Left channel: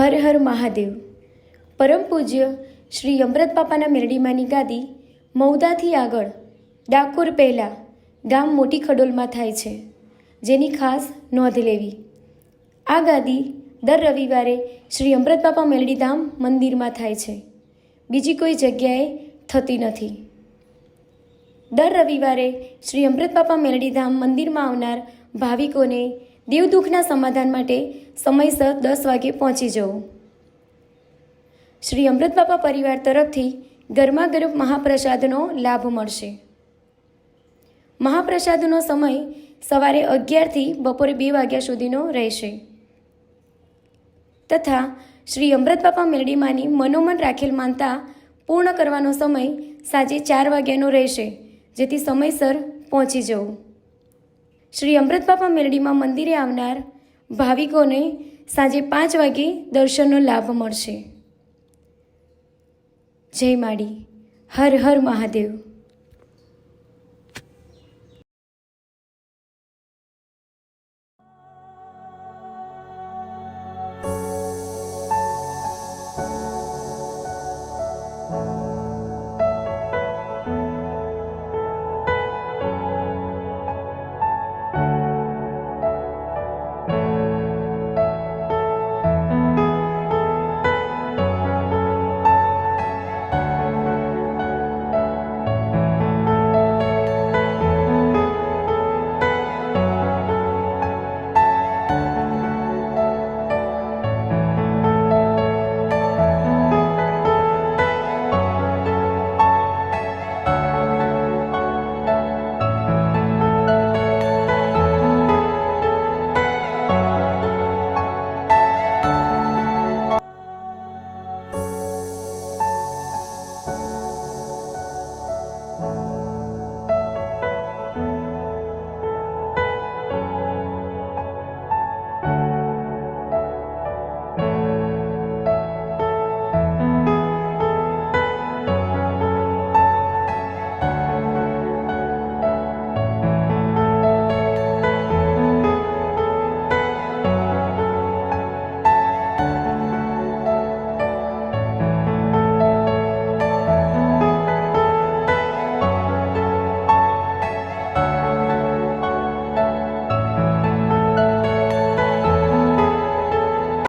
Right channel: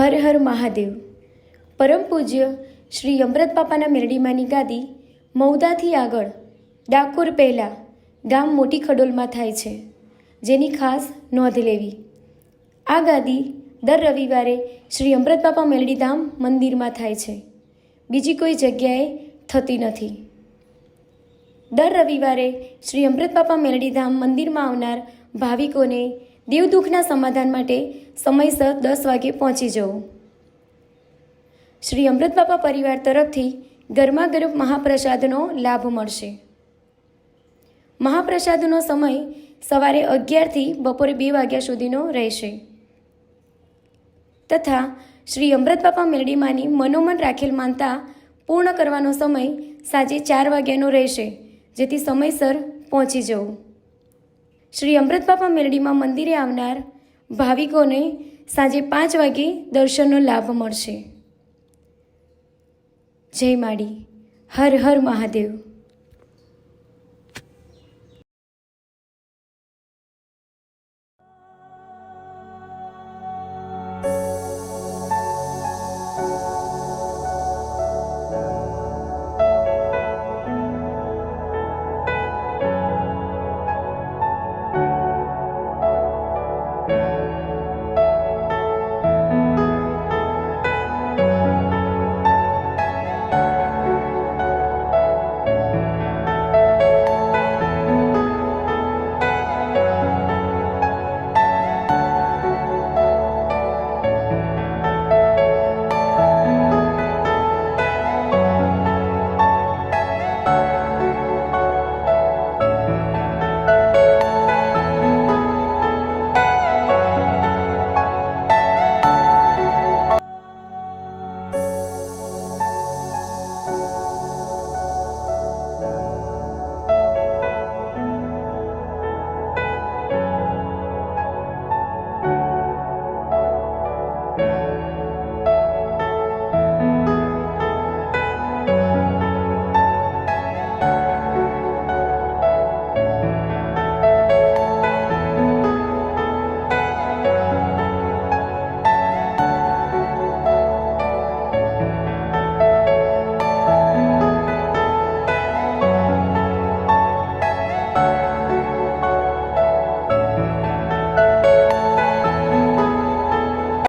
હર હર મહાદેવ. પરમ પૂજ્ય શ્રી અમૃત બાપાના મેરડીમાંની ગાદી મૌદાથી આગળ ડાકોર પહેલાં ગામ મોટી ખડોલમાં થાય છે, જેની ખાસ નોંધ લેવી. આ ગાદી દર રવિવારે શ્રી અમૃત બાપા મેરડીધામ મંદિરમાં થાય છે, બીજી કોઈ જગ્યાએ થતી નથી. દર રવિવારે શ્રી અમૃત બાપા મેરડીધામ મંદિરમાં આવનાર ભાવિકોને દેવદુખના સમાધાન માટે સમયસર 10 વાગે પહોંચી જવું. શ્રી અમૃત બાપા પરિવાર તરફથી ગરમાગરમ મહાપ્રસાદનો લાભ મળશે. મહાપ્રસાદનો સમય સવારે 11થી બપોરે 2 વાગ્યા સુધીનો રહેશે તથા શ્રી અમૃત બાપા મેરડીમાંની મનોમન રાખેલ માનતા પૂર્ણ કરવાનો સમય સાંજે 4 વાગ્યાનો રહેશે, જેથી સમયસર પહોંચી જવું. શ્રી અમૃત બાપા મેરડીમાં મંદિરે આવનાર ભાવિકોને સાંજે 5 વાગે દર્શનનો લાભ મળશે. જય માડી. હર હર મહાદેવ.